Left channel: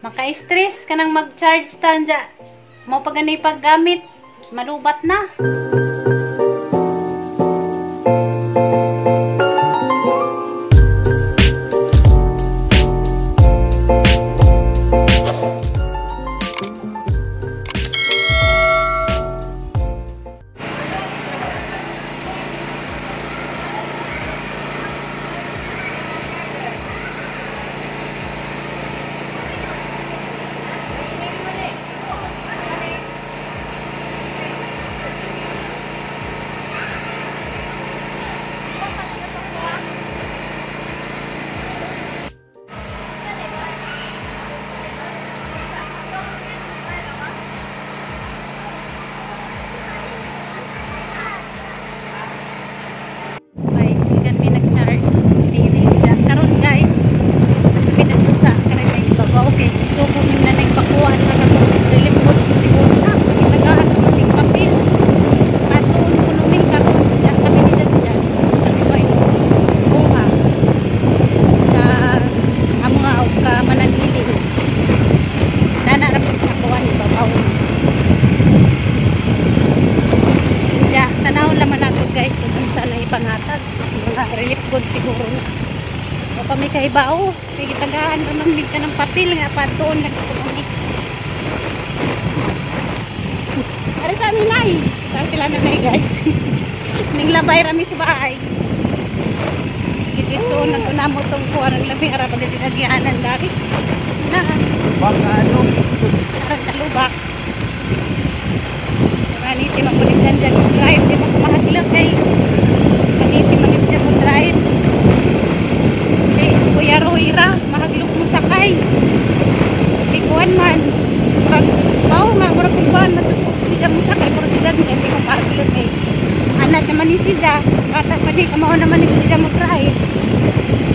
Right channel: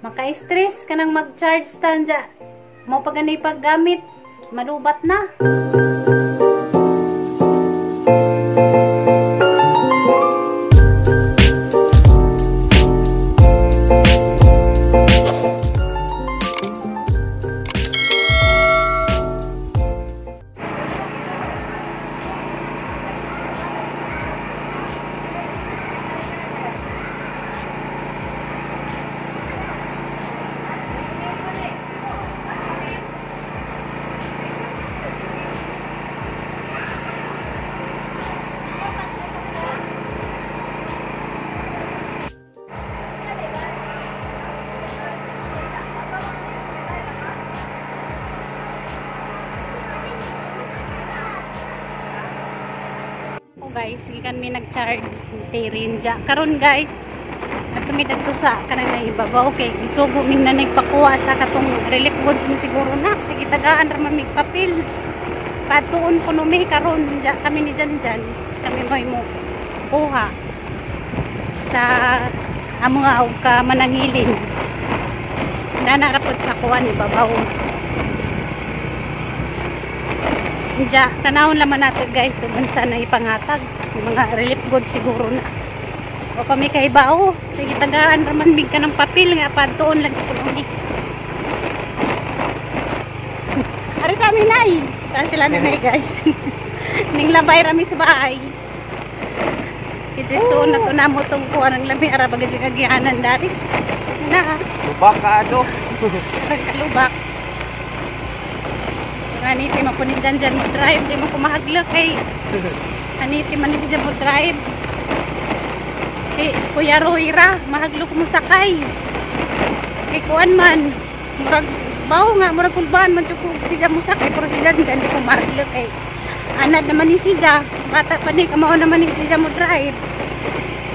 Maka-stress ka nang mag-charge tanja. Mo pa ganay paggamit, malubat na. Karon guys, kami nagtusa karon na ibabaw kay so guming na nagpakuha sa katong relief goods na siguro na kitagaan ra man mig papel patuon kuno mi karon kami ni dyan kami mo buha sa amo nga og ka manangilin nana ra pud sa kuan ibabaw dya tanawon laman nato guys ug unsa na ipangatag mga relief goods siguro na o kami kay bao sige tagaan raman mig ka ng papel nga patuon lagi ko ni ari kami nay ta sila na nay guys ning labay rami sa bahay kitso na to namo tong kuan ang labi ara bagay kagianan dari na baka ano kalubak kaniti mapulitan dyan mo drive di mo kumahagila kay kaniti manis dyan mo drive Kuya Roira, mahaglok mo sakay. Ikuan man. Murag bao nga murag kumban man jud siya mo sakay pero siya dyan di ko mahaglok kay. Anak naman ni siya, bata pa di kamao naman ni siya mo drive.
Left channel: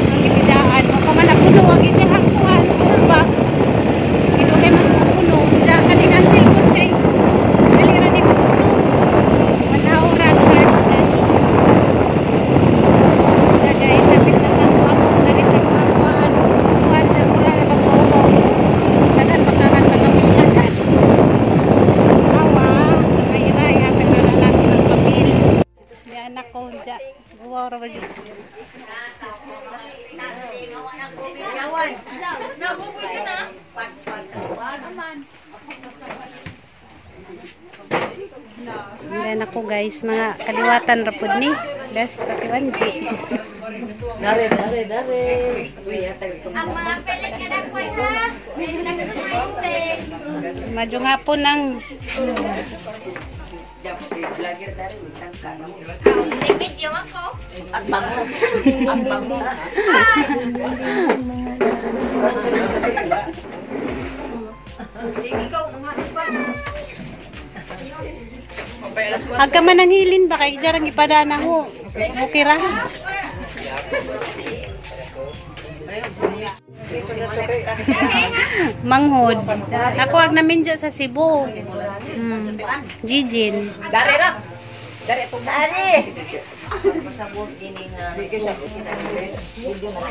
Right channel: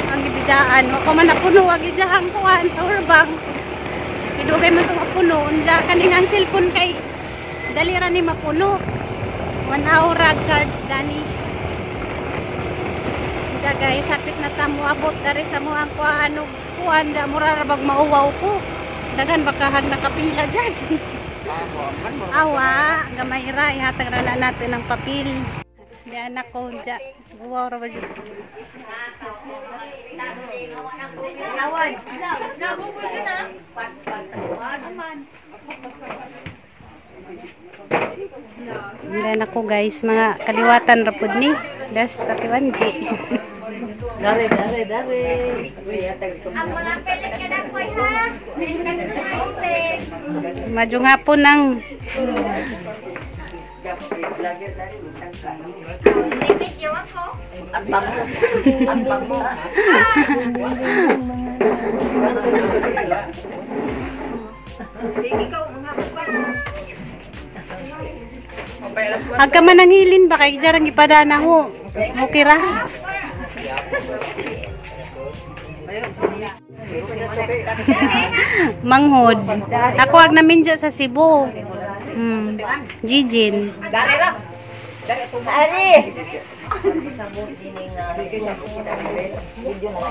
Ang gibidaan, ako man napuno ang gidahang kuan or bag. Idugay man tong puno, unya kaning ang cellphone kay dali ra ni mapuno. 1 hour charge dani. Guys, sakit na kang abot na rin sa mga kuhaan na mura na bag maubaw ko dagan bakahan na kapilagan awa gamay ra ihatag na natin ng papel di anak ko dyan buwaw ra ba dyan di anak ko guys mga kaliwatan rapod ni das sa Kiwanji Dare. Ang mga pelet ka na po ha. Maju nga po nang Dikit yung ako. At bango. agka man ang hilin ba kay jarang ipadana ho okay ra manghod ako ag namin dyan sa Cebu Jijin Dari. Sabot dining video na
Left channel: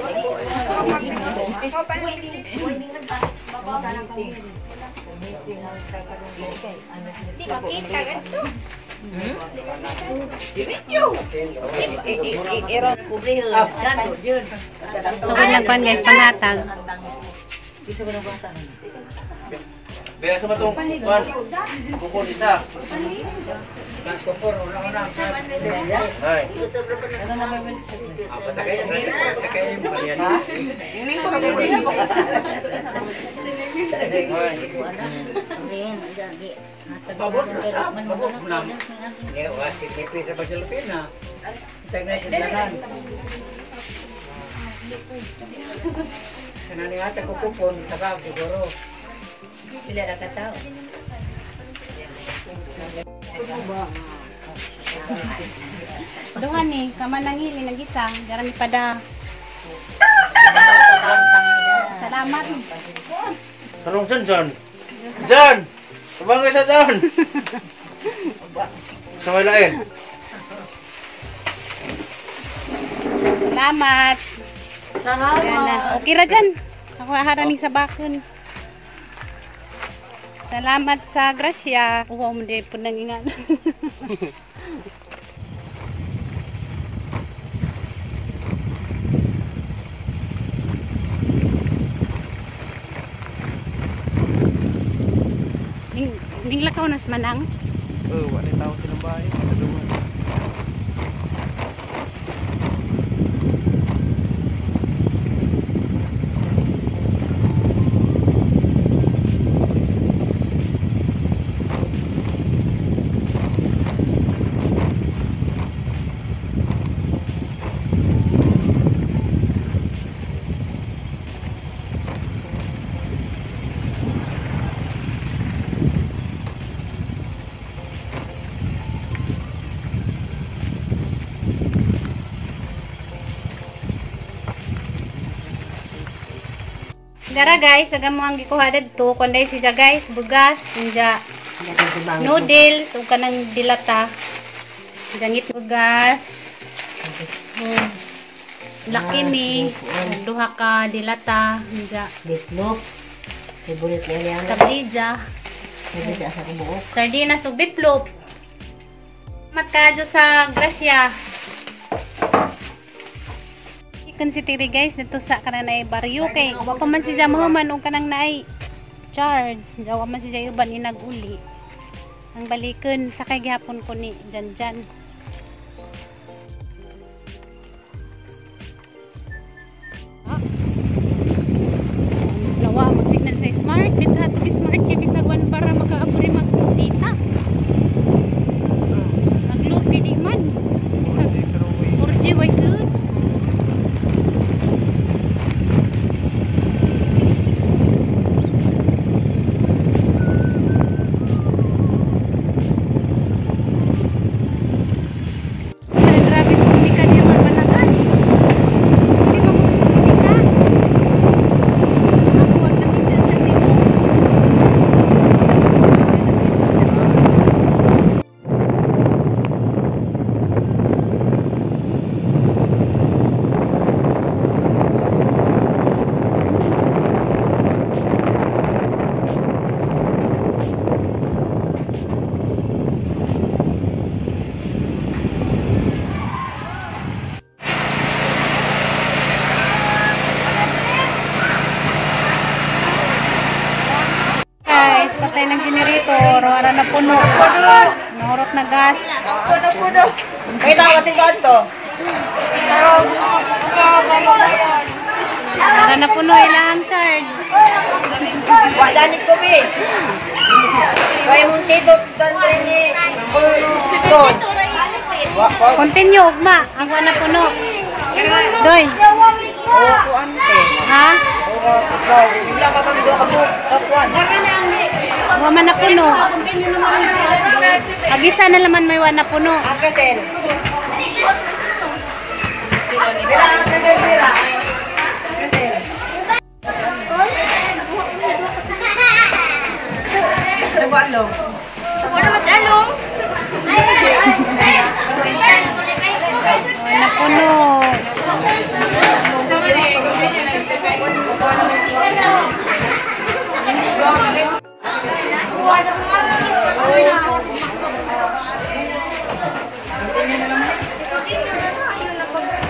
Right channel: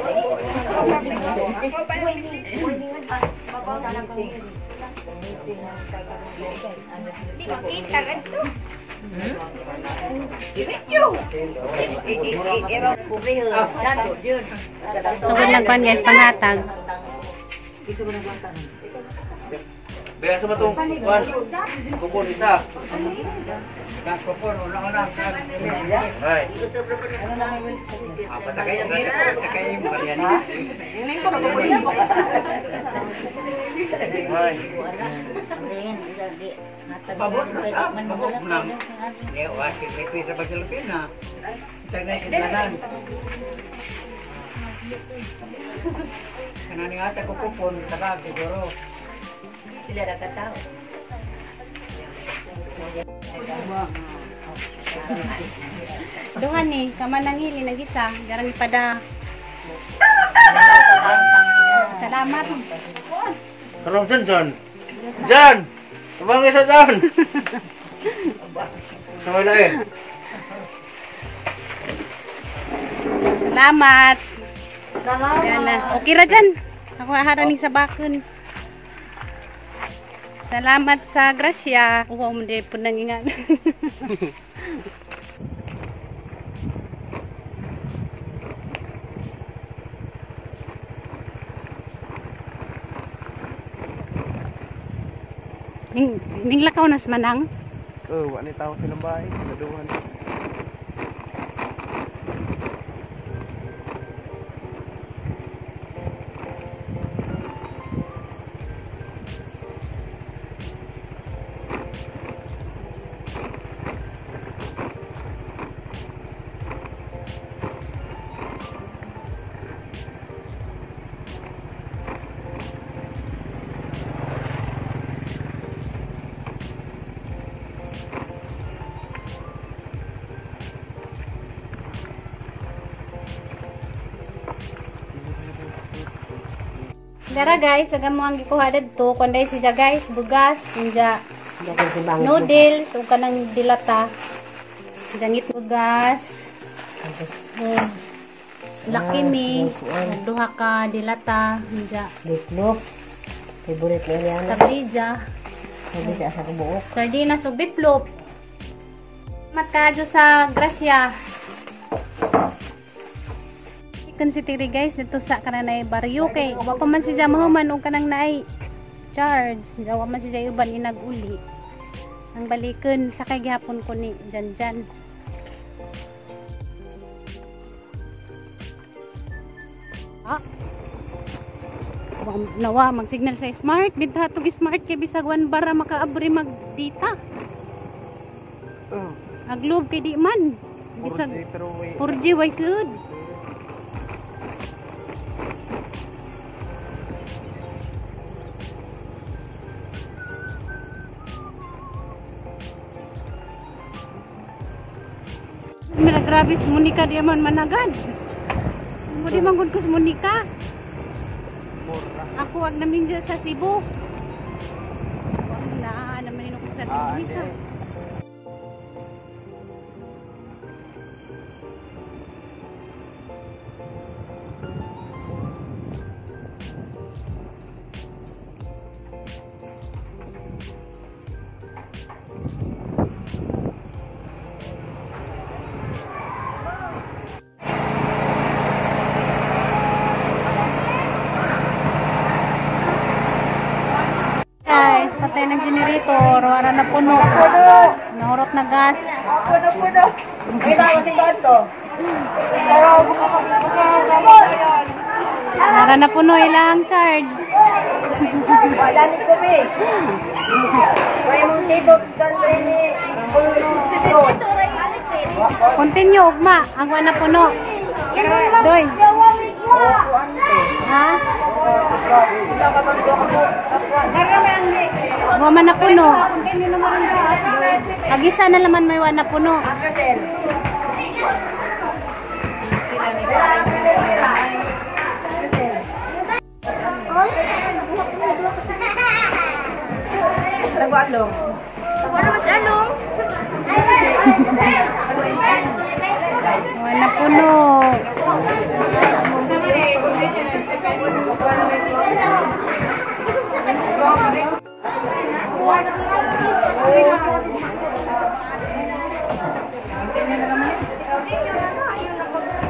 Di makita ito. sugod lang kuan guys panghatag Baya sa matong kuan. Kupon isa. Kupon una. Ay. Apa takay mo kaniya ni. Ay. Pabor mo lang. Ni wasit ni pisa sa Pilipina. Tingnan kinanan. Kanani ata ko kupon tagag siguro. Pila ra ka tao. duhan ni kamanangili nag-isa jarang ipada salamat Tolong John. Ibang isa John. Sumaylain. salamat yan na okay ra dyan ako haraning sa bakon Salamat sa grasya. Oo, hindi po nangingan. Ning lakaw nas manang. Wala tao silang bahay. Kaduhan. Dara guys, agam mo ang gikuha dito. Kunday siya guys, bugas, inja noodles, ug kanang dilata. Jangit bugas. Laki mi, duha ka dilata, inja. Bitlop. Favorite na yan. Tablija. Sabi sa asa ko buok. Sardinas ug biplop. Matkajo sa grasya. Chicken City guys, dito sa kanang baryo kay wa pa man siya mahuman og kanang naay charge. Jawa man siya uban inag-uli. Ang balikon sa kay gihapon ko ni Janjan. Nawa mag-signal sa smart. Dito hatog smart kay bisag 1 bara makaabri magdita. Naglob kay di man. Bisag 4G way sud. Grabe si Monica di man managan. Di man mo si Monica. Ako at namin dyan sa Cebu. Patay ng generator, wala na puno. Nahurot na gas. Kita ko tingkod to. Wala na puno, ilang charge. Wadanit ko bi. Kaya mong tidot doon ni. Continue, ugma. Ang wala na puno. Doy. Ha? Wa man na puno. Agisa na laman may wa na puno. Wa na puno.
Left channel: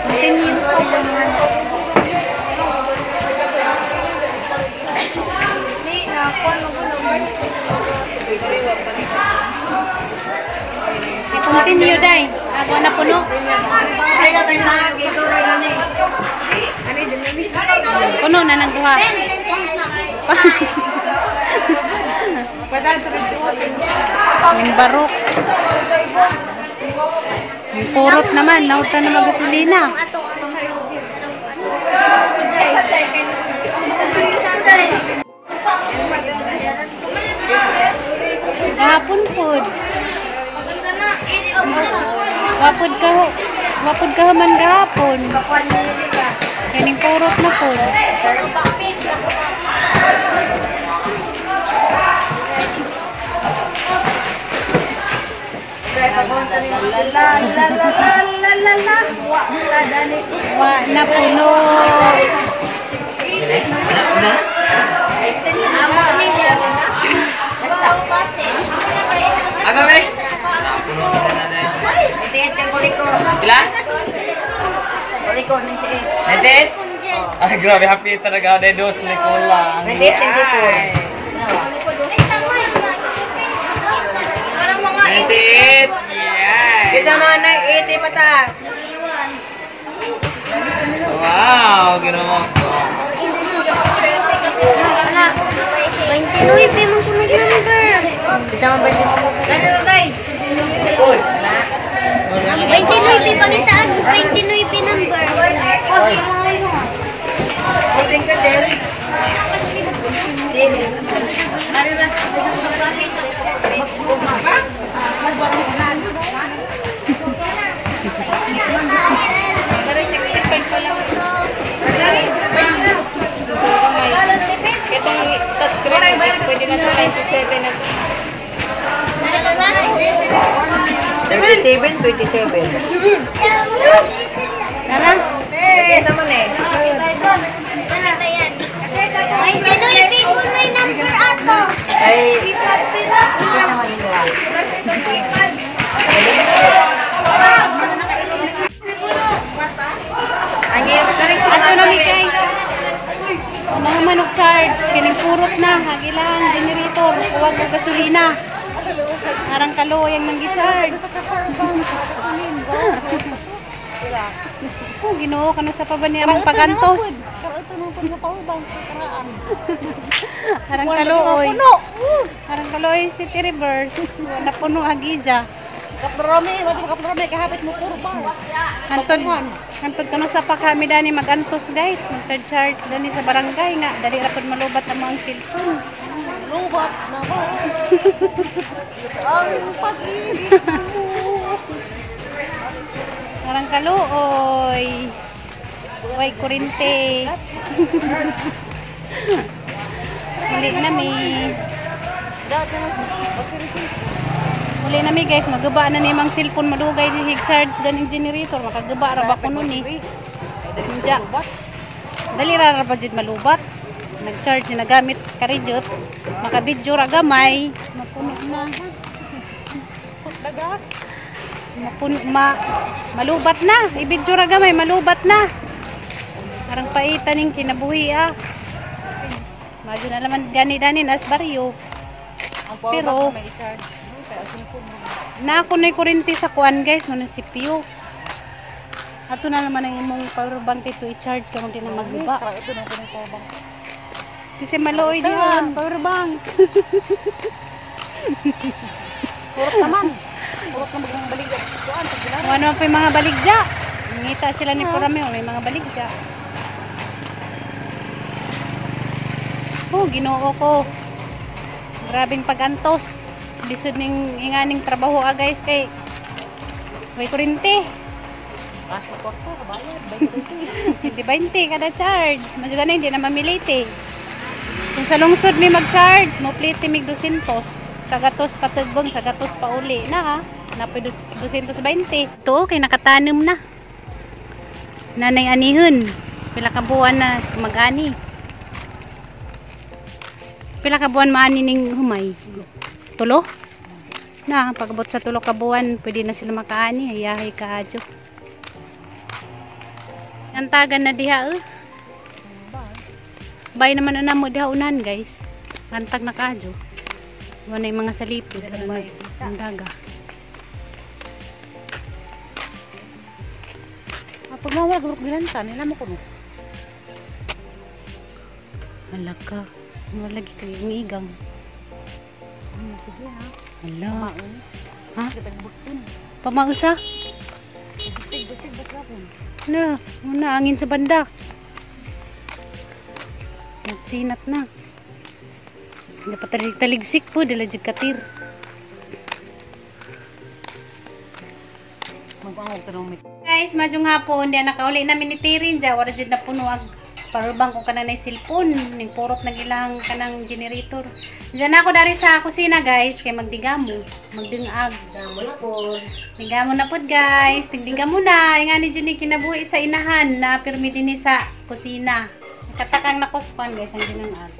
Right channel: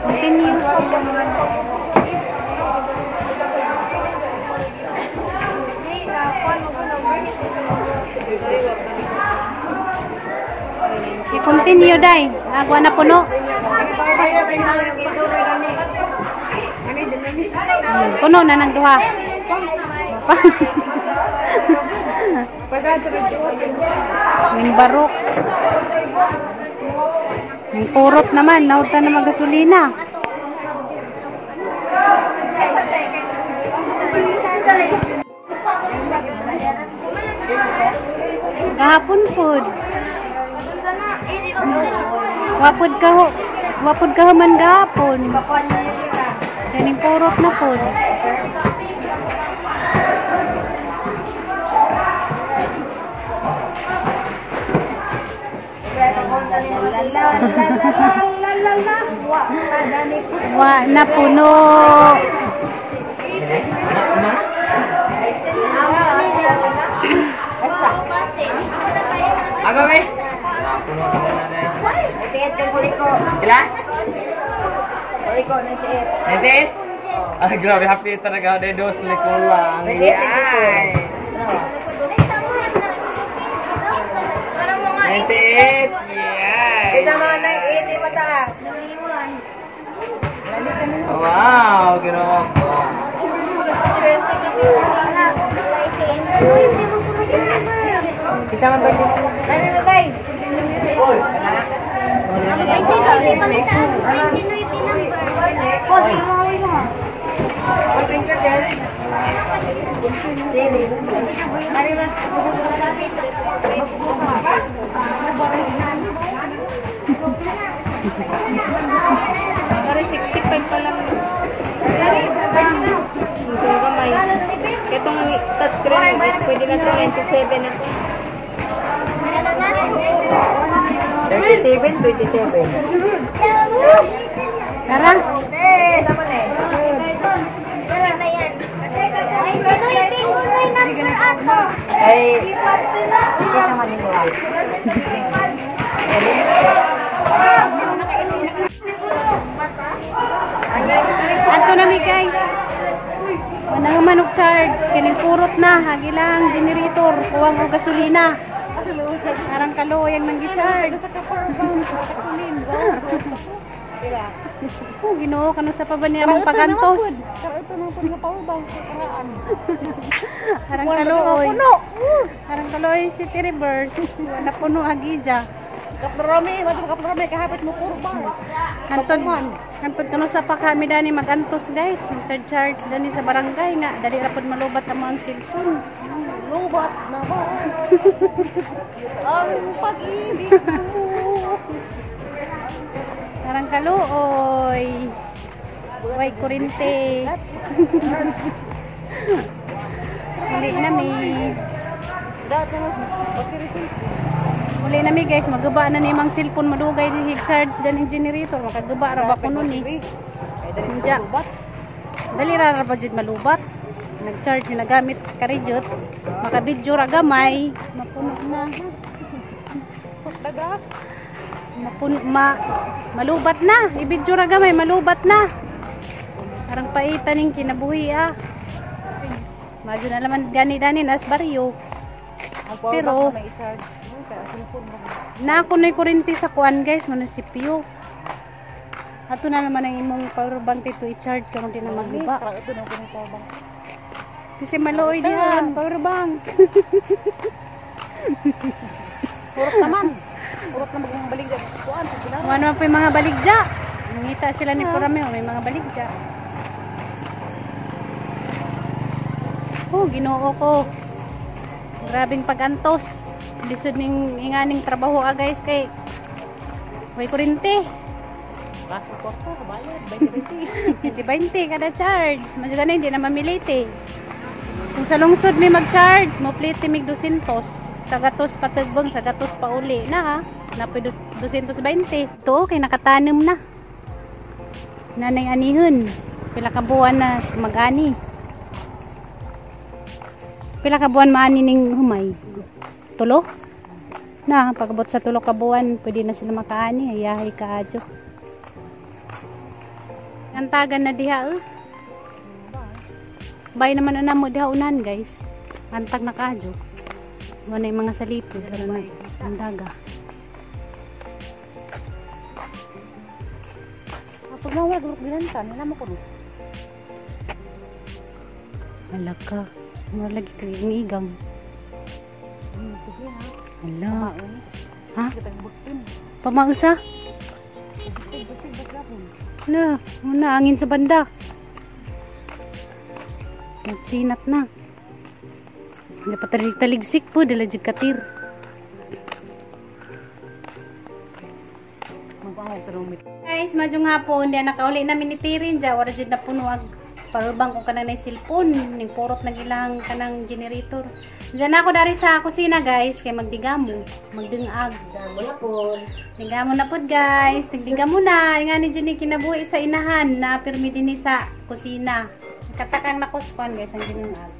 Continue. Continue dai. Agwa na puno. Puno na nang duha. Yung barok. Yung purot naman, nauta na magasolina. Gahapon food. Wapod ka man gahapon. Kaning purot na food. Wa na puno. Aga, be? 98 yung kulit ko. Pila? Kulit ko, 98. 98? Ay, grabe, happy talaga ako. Dahil dos likulang. 98 yung kulit ko. Parang mga 98! Yeah! Kita mga 980 patas. Wow, ginawa ko. 29 mo sunod na number. Kita mga 20. Kaya na tayo. 29 pangitaan. 29 number. Kulit ko, Del. Ano ba? Pero 65 pa lang. Ito touchscreen, pwede na ito 97 na. 37, 27. Tara. Naman eh. 29 mo na yung number ato. Ay, kita naman nila. Ato na mi guys. Wala nga manok charge. Kining kurot na. Hagilang generator. Kuwang o gasolina. Arang kaloyan ng gi-charge. Oh, Ginoo kano sa pabanirang pagantos. Arang kaloy. Arang kaloy City Reverse. Wala puno agija. Kaprome, kahapit mo puro bar. Hantod kano sa pa kami dani magantos guys. Mag-charge dani sa barangay nga dali ra pud malubat ang mga cellphone. Lubat na ba? Ang pag-ibig mo. Arang kaluoy. Way kurente. Muli nami. Muli nami guys, magaba na ni mang cellphone madugay di hig-charge daning generator. Makagaba ra ba kuno ni. Diya. Dali ra ba jud malubat. Nag-charge na gamit karijot. Maka-video ra gamay. Mapuno na. Dagas. Malubat na. I-video ra gamay, malubat na. Parang paitan ning kinabuhi ah. Medyo na naman gani-dani nas baryo. Pero na ako na kurente sa kuan guys, munisipyo. Ato na naman ang imong power bank dito i-charge kamo din na magiba. Ito na ko ng power bank. Kasi maluoy diyan, power bank. Purot naman. Purot na mga baligya. Kuan pag bilang. Ano pa yung mga baligya? Ngita sila ni Purameo, may mga baligya. Oh, Ginoo ko. Grabing pagantos. Lisod ning inganing trabaho guys kay way kurente. Gasto korto, bayad 20. 20 kada charge. Medyo ganun, hindi na mamilite. Kung sa lungsod may mag-charge, mo plite mig 200. Sa gatos patugbong, sa gatos pa uli na ha. Napoy 220. Ito, kay nakatanim na. Nanay anihon. Pila ka buwan na mag-ani. Pila ka buwan maani ning humay. Tulo? Na, pagabot sa tulo ka buwan, pwede na sila makaani. Hayahay ka adyo. Antagan na diha Bay naman na mo diha unan guys. Antag na kadyo. Wala yung mga salipid. Ano na ang daga. Ato na wala durok bilanta nila mo kuno. Hala ka. Wala lagi kayo ng igang. Hala. Ha? Pamausa? Hala. Una, angin sa banda. Nagsinat na. Dapat taligsik po. Dala jud katir. Guys, madyong hapon. Diyan nakauli namin ni Tirin. Diyan, wala jud na puno ag parubang kung kanang na cellphone. Ning purot ng ilang kanang generator. Diyan ako dari sa kusina guys. Kaya magdigamo. Magdingag. Digamo na po guys. Tigdigamo na. Nga ni Jenny kinabuhi sa inahan na pirmi din sa kusina. Katakang nakuspan guys ang dinangag.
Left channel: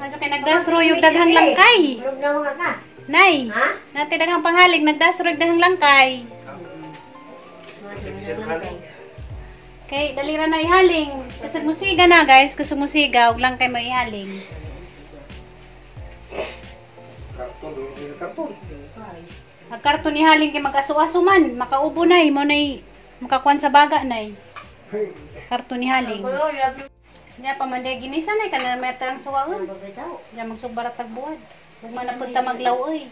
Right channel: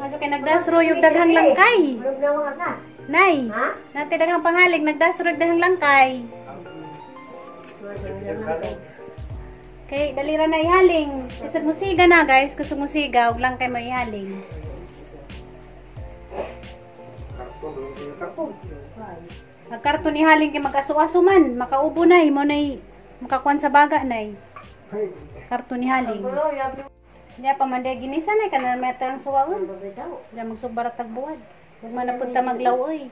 Aso kay nagdasro yung daghang langkay. Nay, nati daghang panghalig nagdasro yung daghang langkay. Kay dalira na ihaling. Kasag musiga na guys, kasag musiga og langkay mo ihaling. Ang karton ihaling kay mag-aso-aso man, makaubo nay mo nay makakuan sa baga nay. Karton ihaling. Diya pa man day ginisa nay kana metang suwaon. Diya magsubarat tagbuad. Ug man napunta maglaw-oy.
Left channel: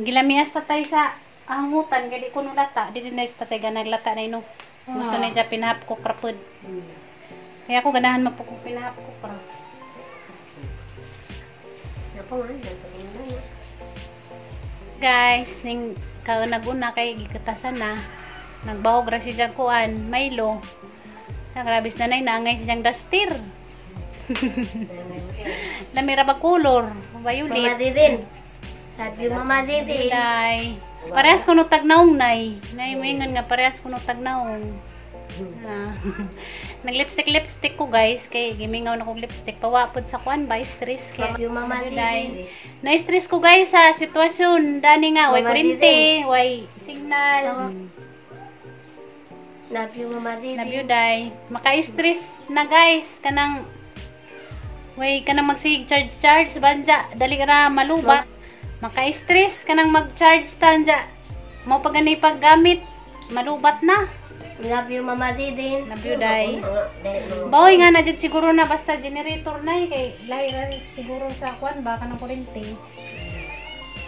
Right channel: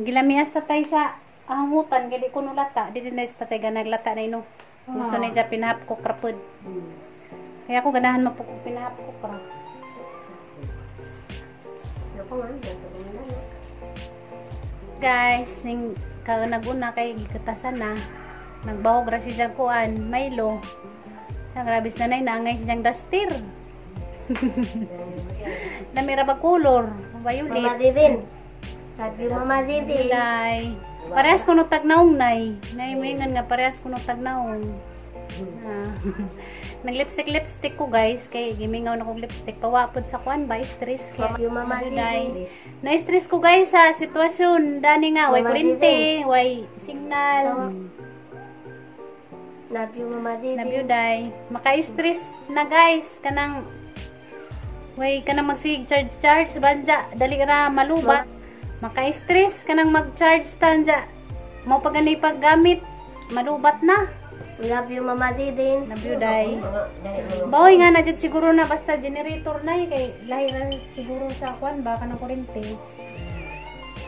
Gilamias tatay sa ahangutan kay di kuno lata, di din sa tatay ganag lata na ino. Gusto na dya pinahap ko krapod. Kaya ako ganahan mo po kung pinahap ko kra. Guys, ning kaunag-una kay gikatasan na. Nagbahog ra si Jang kuan, Milo. Ang grabis na nay naangay si Jang Dastir. Namira ba color? Violet. Mama Didin. Sabi Mama Didin. Ilay. Parehas ko no tagnaong nay. Nay moingon nga parehas ko no tagnaong. Nag-lipstick ko guys kay gimingaw na kog lipstick pawapod sa kuan ba stress kay Sabi Mama Didin. na-stress ko guys sa sitwasyon dani nga way Mama kuryente, way signal. Love you Mama Didin. Nabyuday. Maka-stress na guys kanang way kanang mag-charge banja dali ra malubat. Maka-stress kanang mag-charge tanja. Mao pa ganay paggamit malubat na. Love you Mama Didin. Nabyuday. Bawoy nga na dyan siguro na basta generator na kay lahi na siguro sa kwan ba kanang kuryente.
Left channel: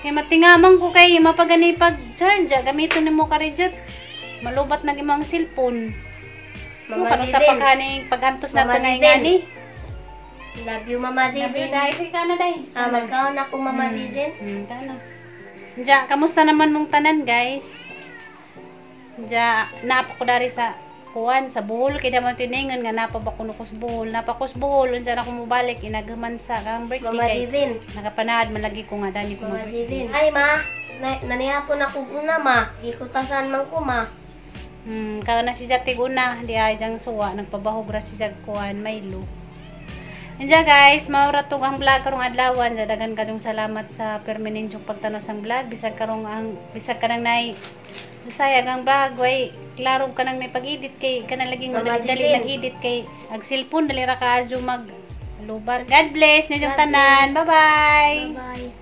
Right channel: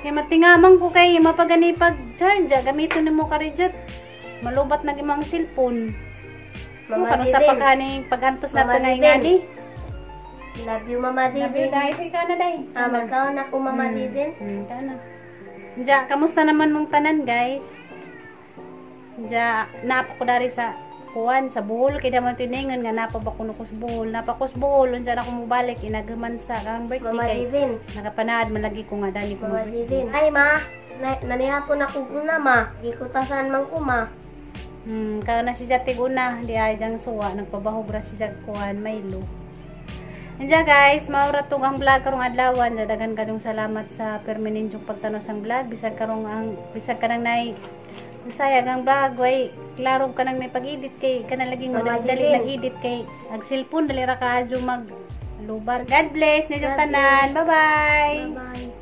Kay matingamang ko kay mapagani pag-charge gamiton nimo ka jet. Malubat na gimong cellphone. Mama Kano sa Didin. pagkani paghantos na Mama tangay Didin. ngani. Love you Mama Didin. Nabyuday sige ka na day. Magkaon ako Mama Didin. Kana. Diya, kamusta naman mong tanan guys? Diya, napa ko dari sa kuwan sa Bohol kay naman tiningon nga napa ba kuno ko sa Bohol. Napa ko sa Bohol unsa na ko mobalik inagaman sa kang birthday Mama kay Didin. nakapanaad man lagi ko nga dani ko Mama mag-birthday. Didin. Ay ma, nanihapon ako una ma. Gikutasan man ko ma. Kao na si Jati guna, di ay jang suwa nagpabahog ra si Jag kuan Milo. Andiya guys, maura tong ang vlog karong adlawan. Dagan kadong salamat sa permanentong pagtanaw sang vlog bisag kanang nay usayag ang vlog way klaro kanang nay pag-edit kay kanang laging Mama madali Didin. nag-edit kay ag cellphone dali ra ka adyo mag lubar. God bless ninyong tanan. Bye-bye. Bye-bye.